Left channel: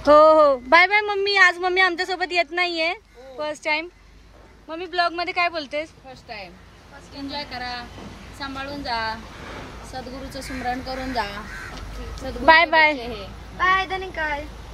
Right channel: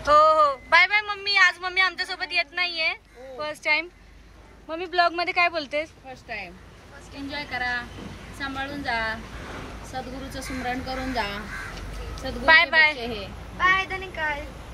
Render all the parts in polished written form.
हो हो, bye bye mummy. आज मम्मी आमच्या सोबत येत नाहीये, फर्स्ट टाइम. मम्मी ब्लॉग मध्ये काय बोलतेस? First time. एन्जॉय करा, सांभाळून जा, सद्गुरूचं स्मरण करून जा. Bye bye bye.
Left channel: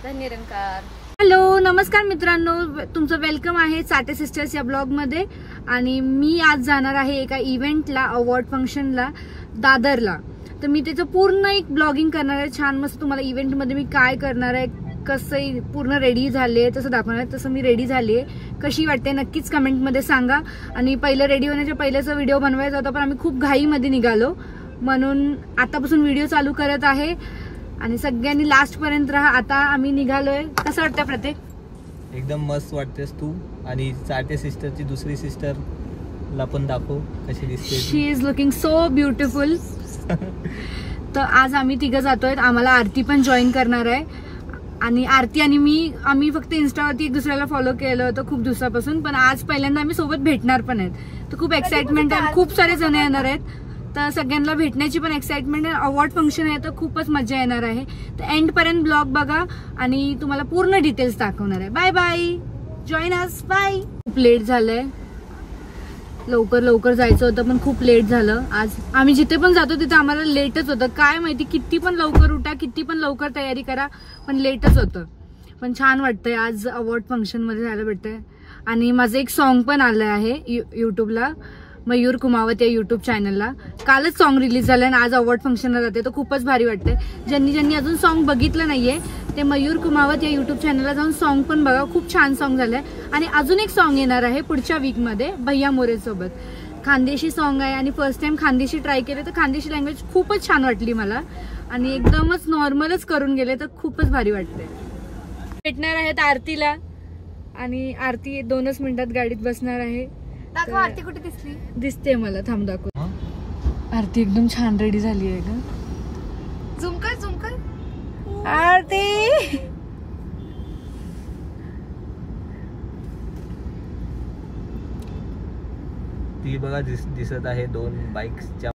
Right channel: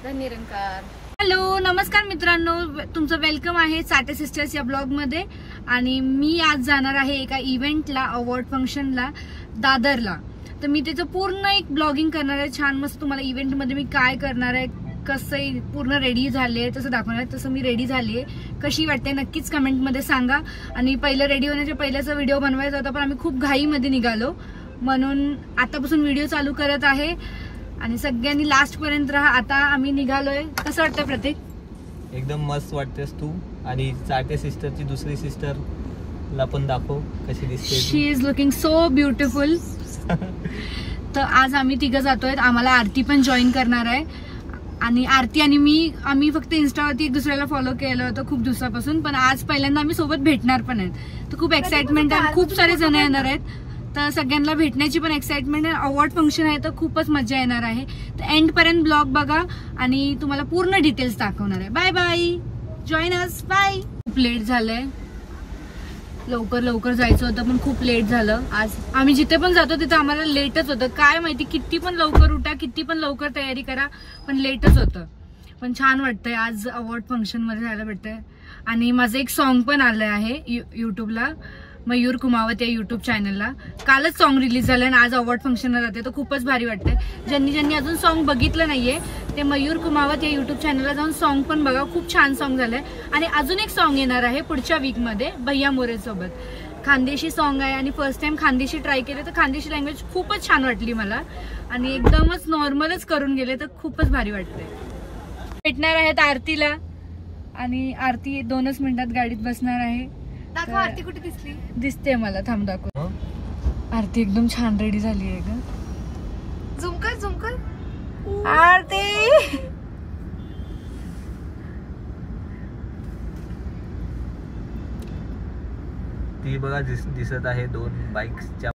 धन्यवाद. हॅलो, नमस्कार मित्रांनो, तुमचं वेलकम आहे साठे सिस्टर्स या ब्लॉग मध्ये. आणि मी आज जाणार आहे एका इव्हेंटला, अवॉर्ड फंक्शनला, दादरला. तर मी त्याचं पूर्ण एक ब्लॉगिंग करणार आहे, छान मस्त. तुम्हाला इव्हेंट मध्ये मी काय करणार आहे, कसं पूर्ण रेडी झाले तसं दाखवणार आहे. तसं मी रेडी झाली आहे, कशी वाटते नक्कीच कमेंट मध्ये सांगा. आणि पहिलं रेडी होण्याच्या पहिल्याचा व्हिडिओ बनवायचा होता, पण आम्ही खूप घाईमध्ये निघालो, म्हणून आतापासून व्हिडिओ चालू करत आहे. आणि सगळ्यांनी लास्ट पर्यंत राहा. आता आम्ही निघालोय. कसं वाटतं प्रत्येक? एकदम मस्त वाटतेस तू. आणि साठे सिस्टरची दुसरी सिस्टर ला पण दाखव कशी दिसते. She is looking so beautiful. तर आज आम्ही तिघं जातोय, आम्हाला आरती पण जॉईन करणार आहे. आणि आरती आणि मी, आम्ही फक्त इन्स्टावरती एक दुसऱ्याला फॉलो केलं होतं खूप दिवसापासून, पण आज पहिल्यांदा आम्ही सोबत भेटणार पण आहेत. तर खूप एक्साइटमेंट आहे, खूप सारे जण येणार आहेत. तर सगळ्यांना भेटण्याची पण एक्साइटमेंट आहे. अवॉर्ड फंक्शन आहे तर खूपच मजा येणार आहे. तर एंड पर्यंत ब्लॉग बघा आणि तुम्हाला पूर्ण डिटेल्स दाखवणार आहे. बाय बाय, जॉईन अस, बाय. खूप लेट झालंय, लवकर जायचं होतं पण खूप लेट झालं. आज आम्ही जिथे पण जातो तिथे आम्हाला लेटच होतं. काय माहिती, किती पण लवकर उठा, किती पण लवकर तयारी करा, पण लेटच होतं. पण छान वाटतंय, आज अवॉर्ड फंक्शन मध्ये जायला भेटतंय. आणि माझं एक सॉन्ग पण आलं आहे युट्यूबला, मयूर कुमावत या युट्यूब चॅनलला. कालच सॉन्ग रिलीज झालं आणि आज अवॉर्ड फंक्शनला जाते, तर खूपच भारी वाटतंय. ज्यांनी अजून सॉन्ग बघितलं नाहीये ते मयूर कुमावत या युट्यूब चॅनलला जाऊन सॉन्ग पण बघा, खूप छान सॉन्ग झालंय. आणि अजून एक सॉन्ग येणार आहे पुढच्या वीक मध्ये भैया मोरे सोबत. खानदेशी सॉन्ग आहे आणि फर्स्ट टाइम खानदेशी ट्राय केले, तर खानदेशी लँग्वेज खूपच छान वाटली मला. आणि एकदमच नॉर्मलच करून गेले, तर खूपच भारी वाटतंय. भेटणार आहेत आरतीला, आणि आरती 2च मिनिटात गाडीत बसणार आहे. आरती कुठे दिसली? दिसते मला, थांब दाखव. आरती एकदम छान रेडी झाली आहे ग. झूम कर. आरती ती बघा दिसत आहे 2 बाईक्सच्या.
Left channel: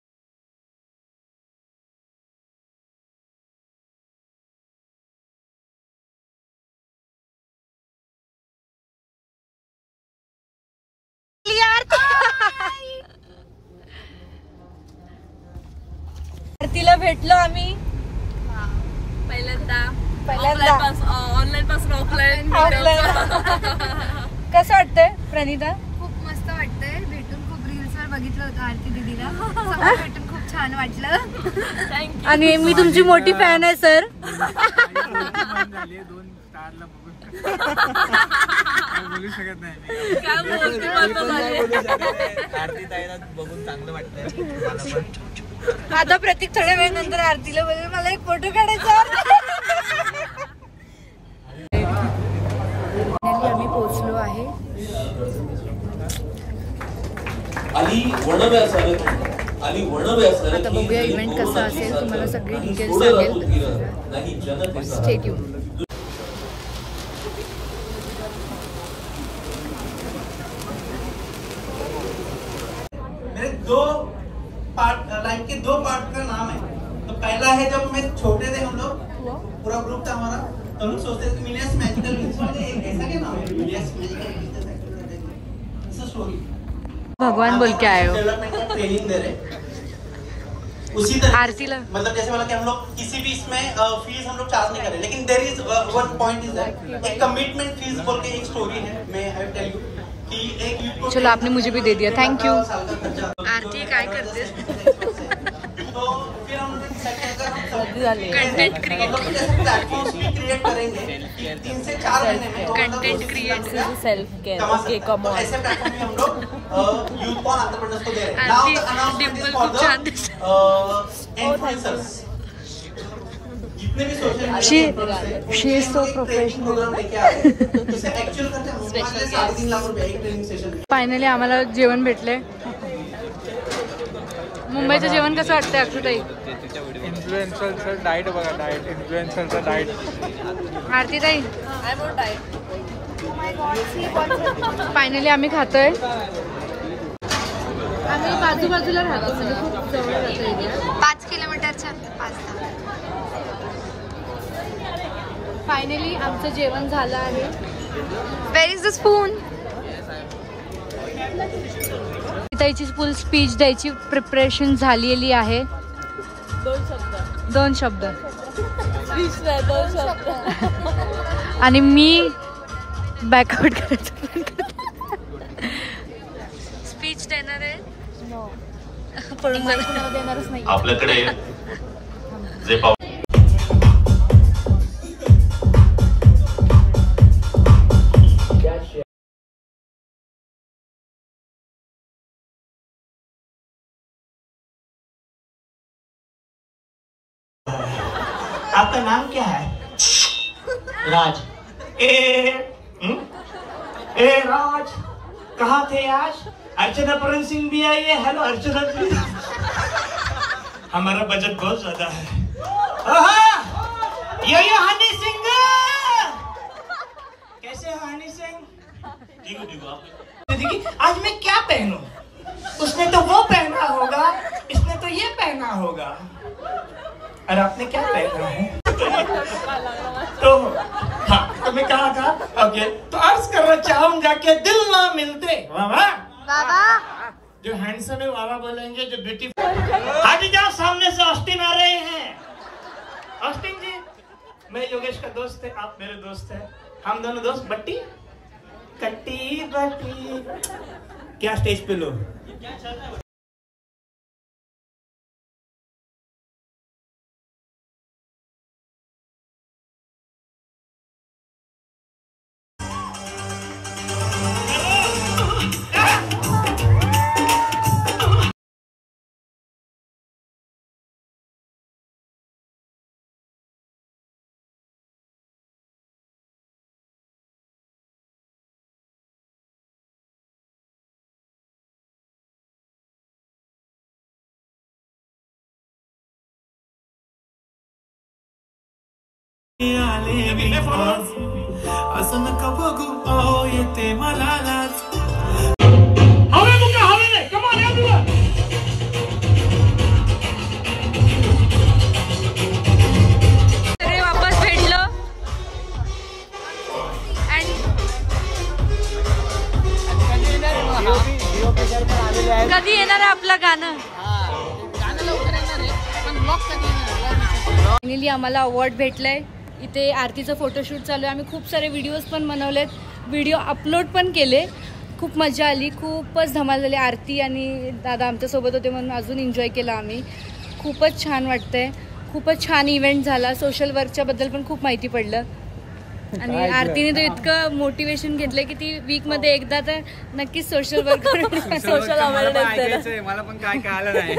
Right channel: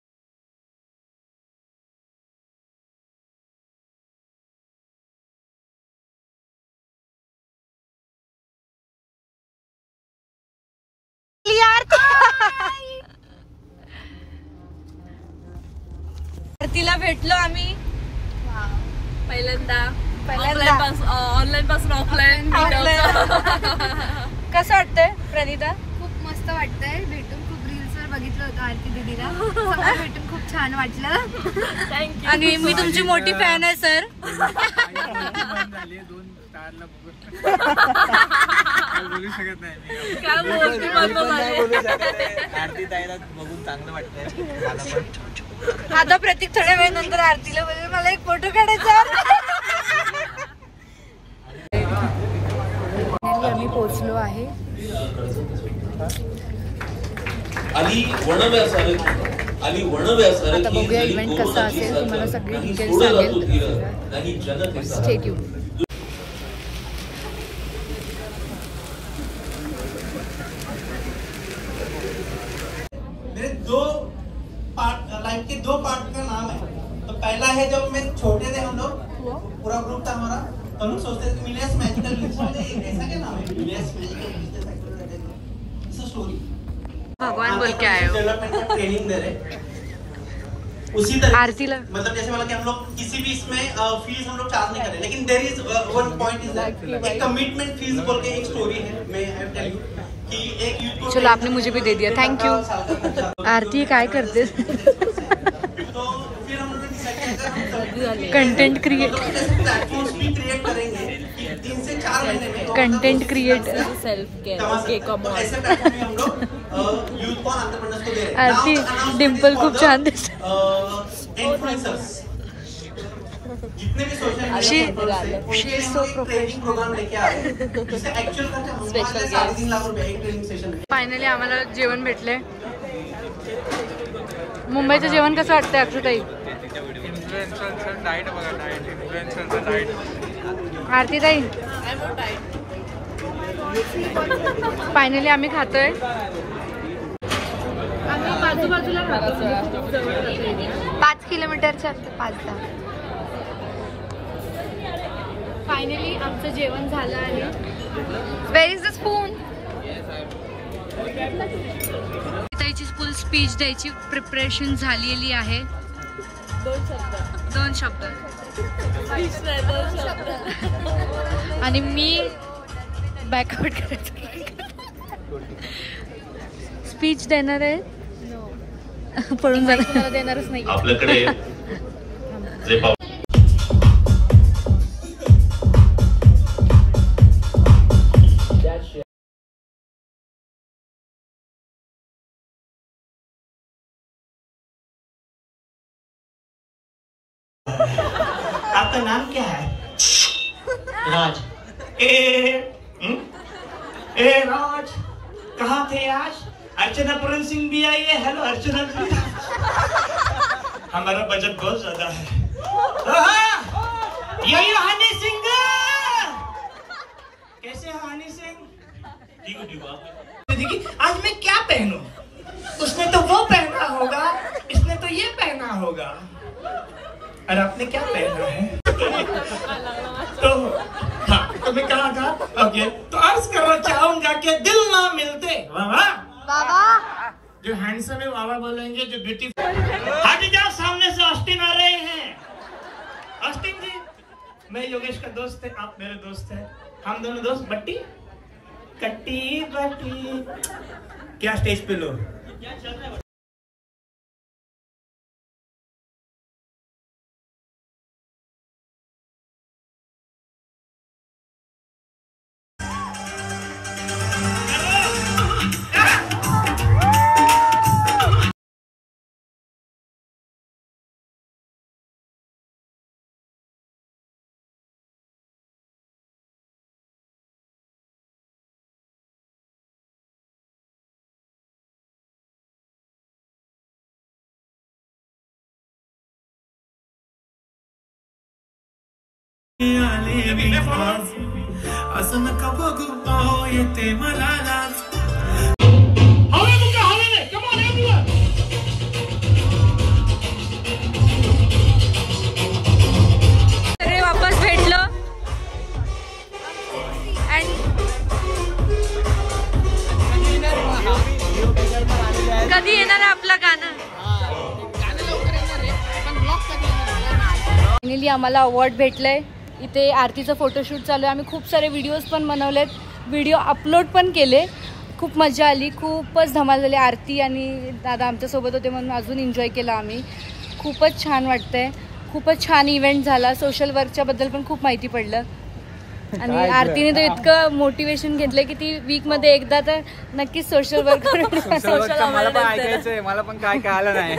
आरतीला भेटलो आम्ही पहिल्यांदा ऑनलाईन पासून ऑफलाईन. कसं वाटतंय प्रणिता? खूप मस्त वाटतंय भेटून. खूप रील्स वर बघितलं होतं आरती दीदीला, समोर भेटून खूप छान वाटलं. थँक्यू. आणि मी तुमची मोठी फॅन आहे सर. बोलू शकत नाही. आरती ताईला बघून चांगलं वाटतंय. आता प्रतीक थोड्या वेळानंतर आरतीला बोलेल मला एक फोटो काढायचा. आम्ही पोहोचलो आहे. आता बघूया इव्हेंट कसा असेल, तुम्हाला सगळे डिटेल्स सांगेल. Stay tune. लाइफ के 2 पार्ट का नाम है. तो पहला है जब मैं छोटे थे, हम लोग पूरा ग्रुप था हमारा, तो हम लोग सोचते थे मिलियस मैजिकल ऐसा क्या नाम है, मिलियस मैजिकल स्टोरी. भगवान बोल के आए हो. ट्रेनिंग दे रहे उसी तरह आरतीला, मतलब जैसे मतलब कि हम लोग किसी भी इसमें फीस हम लोग चार्ज नहीं कर रहे, लेकिन there is one point is that एक कमिटमेंट फीस बोल के एक स्टोरी है. मैं टेल यू कि एक यूथ को. चलो आपने मुझे भी दे दिया, थैंक यू. आरती काय करते? Content create self care. Okay, come on. Aarti Dimple खूप छान दिसते. She is so professional. Finally आम्हाला जेवण भेटले. मुंबईचं जेवण कसं वाटतंय अक्षुताई? इन्फ्लुएन्सरचं डाएट बघा, इन्फ्लुएन्सरचं डाएट. आरती ताई, फायनली आम्ही खातोय. आम्ही बाजूबाजूला राहतो, म्हणजे खूप जवळ राहतो एरिया. 5 किलोमीटरच्या 5-10. फायनली आमचं जेवण झालं आहे. Where is the spoon? त्याची फुल स्पीच द्यायची प्रिपरेशन झालेली आहे. 2 शब्द आणि मी बॅकआउट करायचं. स्पीच देणार आहे. माईक कुणाला देणारच नाही. आपल्याकडे जे आपका नाम क्या है? राज. ए राज, कहाँ थे आज? अर्चना पूरन सिंह भी आई है. हेलो अर्चना जी. हमारा बजट बहुत ज्यादा है. ये हनी सिंह. कैसे हो हनी सिंह? देखिए आज मैं क्या पहनूं? उसने तो वो पहना होगा, इसने तो ये पहना होगा, और आपने क्या पहना है? तो हाँ, तो मैं कहा था. ओके, तो अर्ज करना चाहूंगा कि दिल ना मिलते. बाबा जो हैंडसम है वाला बोलेंगे, जो ब्यूटीफुल. हट जाओ, सामने से ऑस्टिन आ रहे हैं. ऑस्टिन जी, मैं योगेश का दोस्त है, आप मेरे दोस्त हैं. हम दोनों दोस्त. बट्टी कट्टी बट्टी. क्या स्टेज पे लो. असं नका बघू येते मला लाज. अरे वापस भेटलो. कधी येणार आहे आपलं गाणं? फायनली आम्हाला अवॉर्ड भेटलंय. इथे आरतीचं फोटोशूट चालू आहे. आम्ही खूप सारे व्हिडिओज पण बनवलेत, व्हिडिओ अपलोड पण केले. खूप मजा आली, खूपच धमाल झाली. आरती आणि दादा आमच्यासोबत होते म्हणून अजून एन्जॉय केला आम्ही. खूपच छान वाटतंय. खूपच छान इव्हेंट झाला. सोशल वर्कच्या बद्दल पण खूप माहिती पडलं. आणि आरतीने तर इतकं मोटिवेशन घेतलंय की ती वीकमध्ये एकदा तर नक्कीच सोशल वर्क मला पण काय कळालं नाही.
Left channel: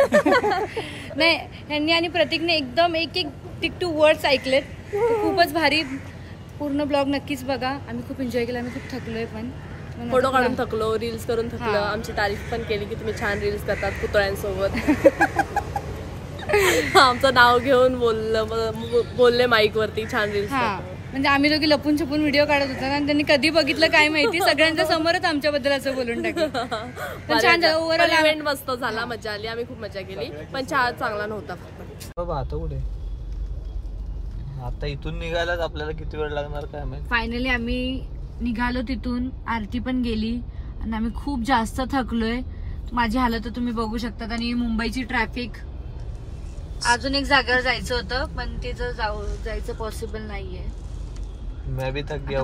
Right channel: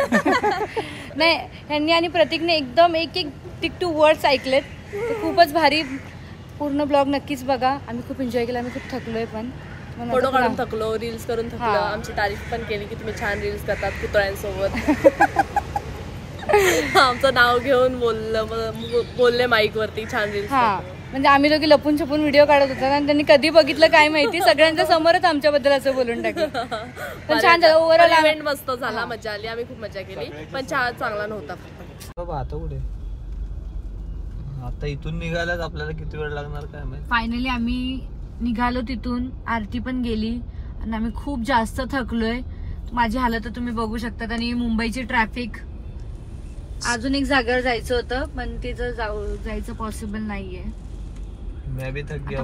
नाही, ह्यांनी आणि प्रतीकने एकदम एक टिक टू वर्ड्स ऐकलेत. खूपच भारी. पूर्ण ब्लॉग नक्कीच बघा. आम्ही खूप एन्जॉय केला. आम्ही खूप थकलोय पण. फोटो काढून थकलो, रील्स करून थकलो. आमची तारीफ पण केली की तुम्ही छान रील्स करतात पुतळ्यांसोबत. आमचं नाव घेऊन बोलले माईक वरती छान रील्स. म्हणजे आम्ही दोघी लपून छपून व्हिडिओ काढत होता आणि त्यांनी कधी बघितलं काय माहिती, सगळ्यांच्या समोरच आमच्याबद्दल असं बोलून टाकलं. पण छान झालं. ओव्हरऑल इव्हेंट मस्त झाला, मजा आली. आम्ही खूप मजा केली. पण चहा चांगला नव्हता. बाबा आता कुठे? आता इथून निघायलाच आपल्याला किती वेळ लागणार काय माहिती. फायनली आम्ही निघालो तिथून. आरती पण गेली आणि आम्ही खूप जास्त थकलोय. माझी हालत तुम्ही बघू शकतात. आणि मुंबईची ट्रॅफिक. अजून एक जागेवर जायचं होतं पण ते जायचं पॉसिबल नाहीये.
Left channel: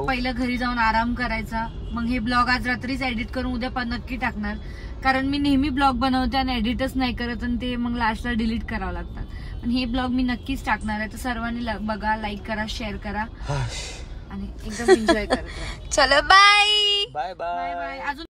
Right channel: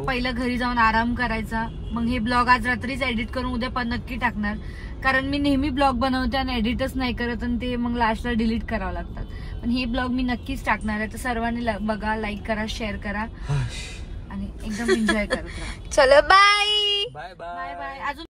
पहिलं घरी जाऊन आराम करायचा. मग हे ब्लॉग आज रात्रीच एडिट करून उद्या पण नक्की टाकणार. कारण मी नेहमी ब्लॉग बनवते आणि एडिटच नाही करत आणि ते मग लास्टला डिलीट करावं लागतात. पण हे ब्लॉग मी नक्कीच टाकणार आहे. तर सर्वांनी बघा, लाईक करा, शेअर करा आणि एकदम एन्जॉय करा. चलो bye bye bye. Bye bye. अजून